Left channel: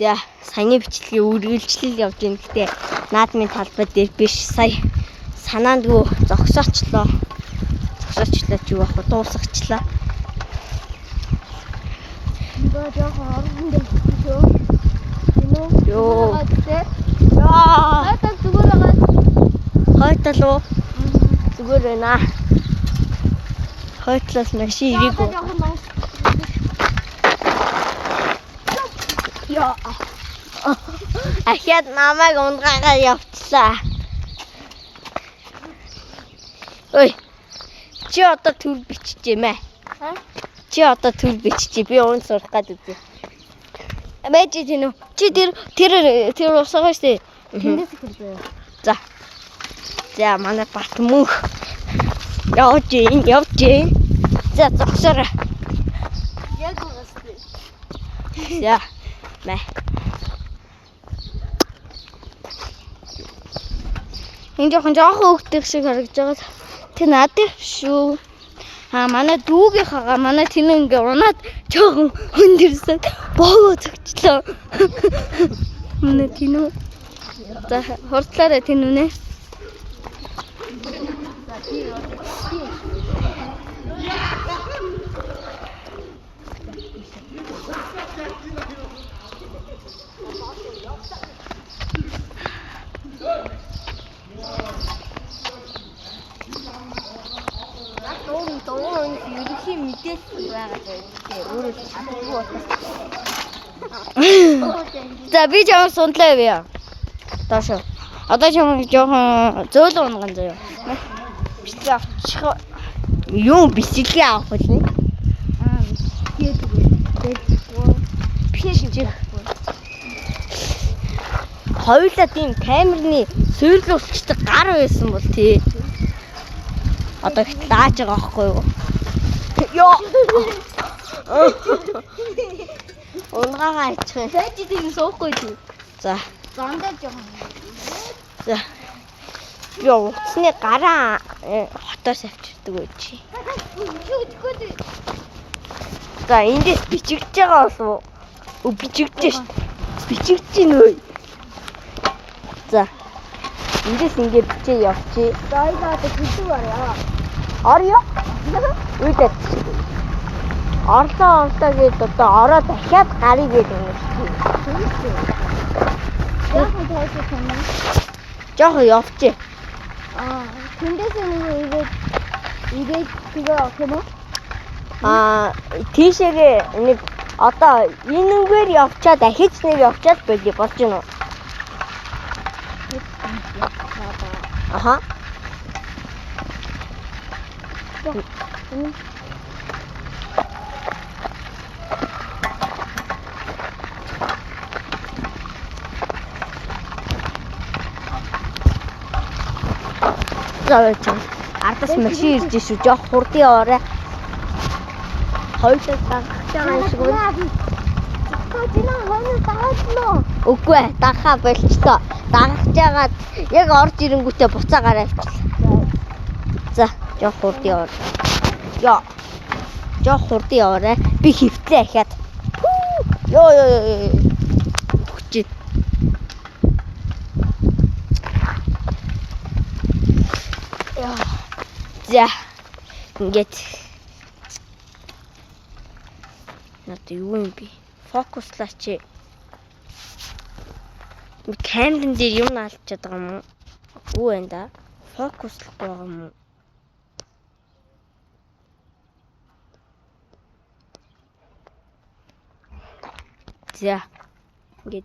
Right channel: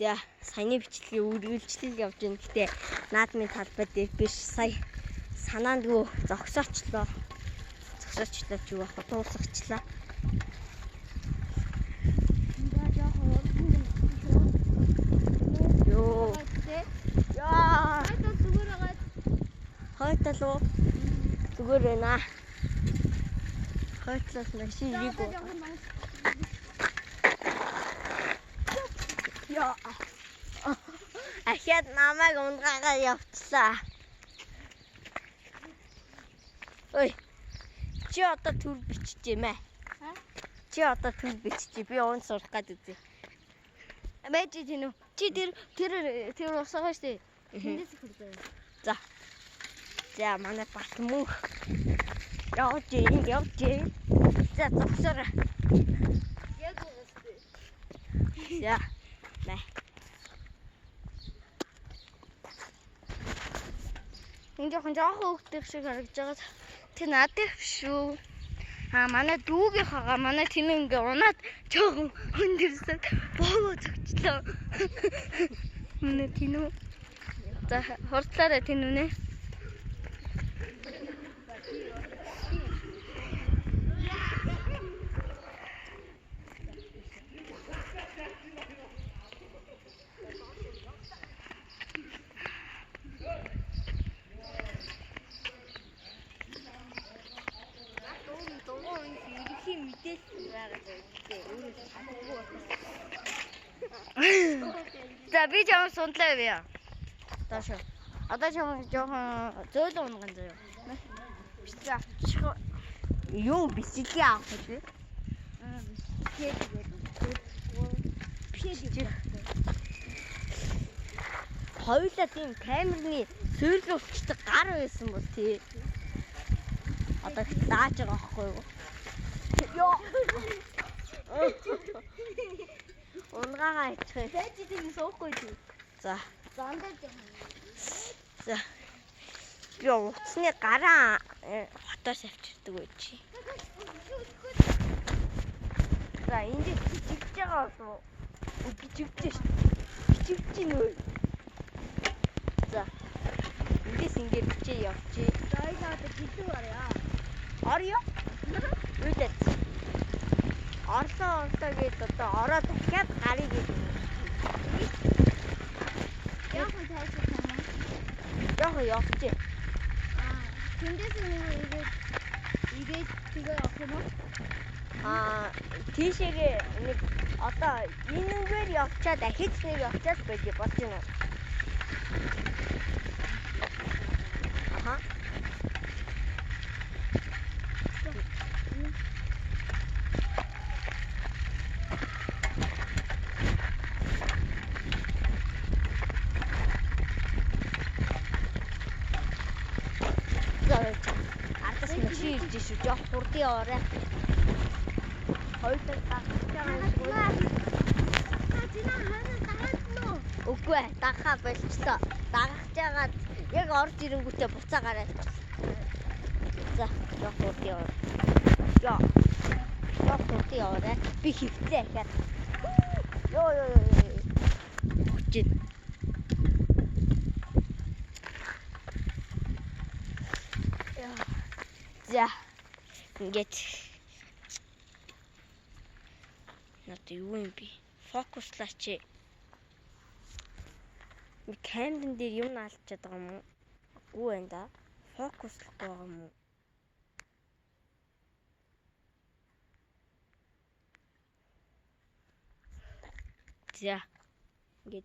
За саяны бичлэгийг үргэлжлэл явж байна. Гэтэ наадмын талбай дээр биш. Сая санаандгүй зогсоочлоо. Зогсоочлоо ч юу ах вэ? Дуусгачлаа. Ингээ жоохон орхон дэвчихөө. Йоо. Яа. Хатаа зүгээр байгаа. Хойтол уу? Зүгээр байна. Хойтлоос машин ирээгүй. Яа. Ахяд намайг унгаагаа явууллаа. Ой. Чи одоо төр биччихээ мэ? Чи одоо төр биччихээ. Би уун сурах гэдэг үү. Мэж тийм үү? Чи тэр усгаа штэ. Тэндээс хэлээ. За. За манай бат мөнх. Явж. За зогсоорой. Яг уустай. За. Мэ. Энэ жоохон хөөгдөх шиг харагдаж байгаа. Тэ надад шүү. Манай дүүгийнхаа манай тэнэ ингээ унаад жоохон хөндөрсөн. Боогоо цогчлоо. Манай тэнэ. За хурдлаарай тэнүнэ. Ерөнхий мэдээлэл байгаа өөрөө чадахгүй. За би жоохон сундлаа явъя. Таашаа. Одоо жоохон зөөлөн унган заяа. Бисээ авчих. Юу бисэлгээ авах вэ? Хоёулаа тийм камерны суйрлуулчдаг гар байсан бол тий. Одоо их лааж байгаа байхгүй юу? Ёо. Унгаагаа ичих. Тэ чи тийм суухгүй тий. За. Зондоо жоохон. За. Би утасны гараа хотоос авчирдаг үү чи. За эндээс бичигдэж байгаа болов уу? Бичигдэж ш. Бичигдэж гин үү? За. Эндээс ингэ бичээ явчих. За яа одоо хэлдэг барья. Орё. Үйдээ. Орлоо гээд одоо ороо дахиад гарыг гээд ингэ. Яг таашаа тань. Жохоо явчих. Тэндээс нэг ирээд тэгээ авах юм уу? Тийшээгээ нэг одоо энэнгээр явчаад дахиж нэг явчаад болий болж гинэ үү? Аха. Завч. Ардас машин ирж шүү. Жоох хурдын орой. Хоёулаа дагах байгаа юм шиг байна. Тина хоног дагадлаа. Үгүй ээ, дагахаа болчихсон. Дагах жагаад яг орж ирэнгүүтээ буцаа гараа авчихлаа. За, жоох хурдын орой. Яа. Жоох хурдын орой. Би хөвтлээ ахаад. Ёо. Бүчээ. За. Ингээд. Надад юу юм бэ? Фокуслаач. Камерын дээр юм наалчаад байгаа юм уу? Үгүй байна да. Фокуслах байгаа юм уу? За.